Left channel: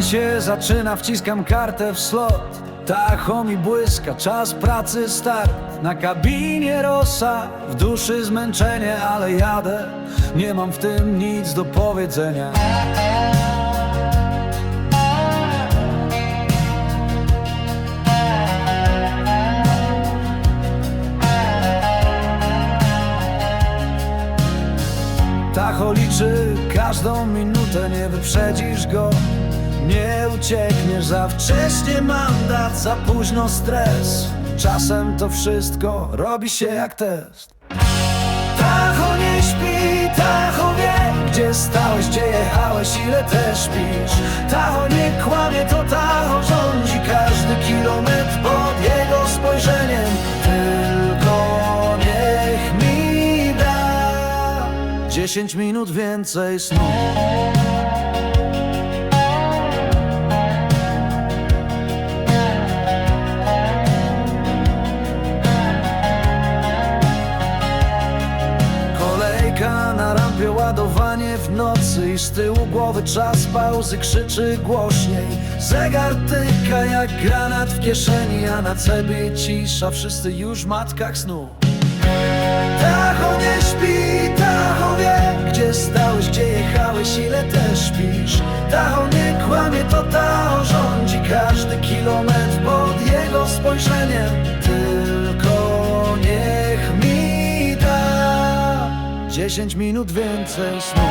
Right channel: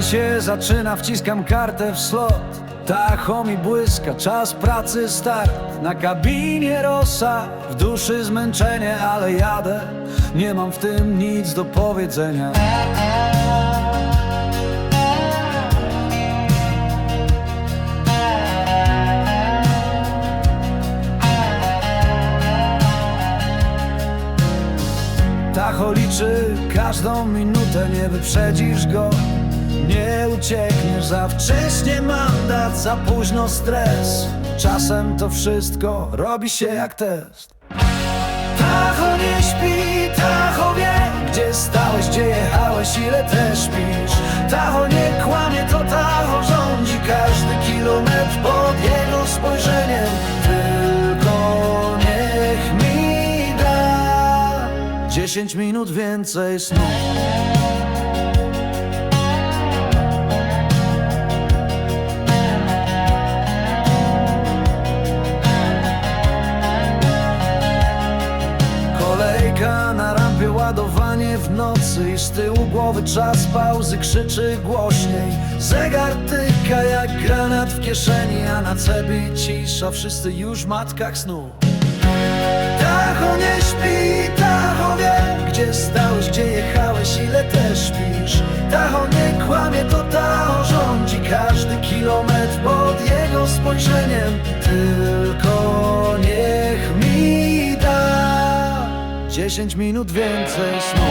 się zaczyna, wciskam kartę w slot. Tacho mi błyska, czas pracy start. Na kabinie rosa, w duszy zmęczenie Ale jadę, nie mam w tym nic do powiedzenia. Tacho liczy każdą minutę, nie wyprzedzisz go Nie uciekniesz za wcześnie mandat, za późno stres. Czasem to wszystko robi się jak test. Tacho nie śpi, Tacho wie Gdzie stałeś, gdzie jechałeś, ile też śpisz Tacho nie kłamie, to Tacho rządzi Każdy kilometr pod jego spojrzeniem. Tylko niech mi da Dziesięć minut więcej snu Na rampie, ładowanie w nocy I z tyłu głowy czas pauzy krzyczy głośniej. Zegar tyka jak granat w kieszeni A na cebie cisza, wszyscy już w matkach snu. Tacho nie śpi, Tacho wie Gdzie stałeś, gdzie jechałeś, ile też śpisz Tacho nie kłamie, to Tacho rządzi Każdy kilometr pod jego spojrzeniem. Tylko niech mi da Dziesięć minut więcej snu.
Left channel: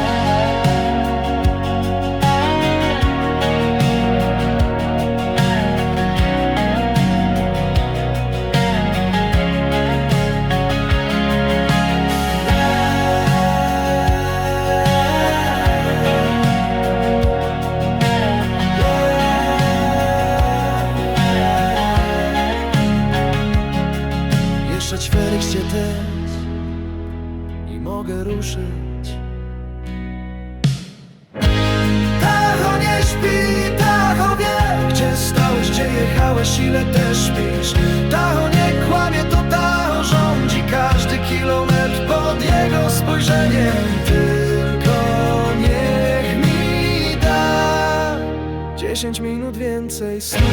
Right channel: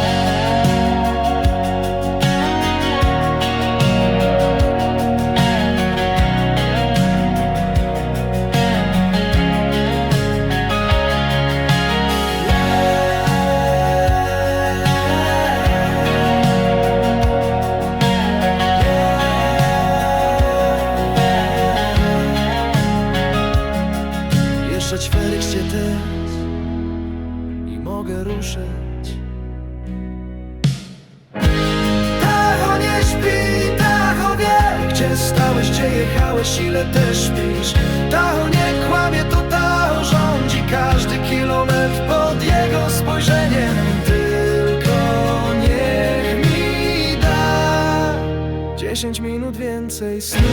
Jeszcze ćwierek cię też i mogę ruszyć. Tacho nie śpi, Tacho wie, gdzie stałeś, gdzie jechałeś, ile też śpisz. Tacho nie kłamie, to Tacho rządzi każdy kilometr pod jego spojrzeniem. Tylko niech mi da dziesięć minut więcej snu.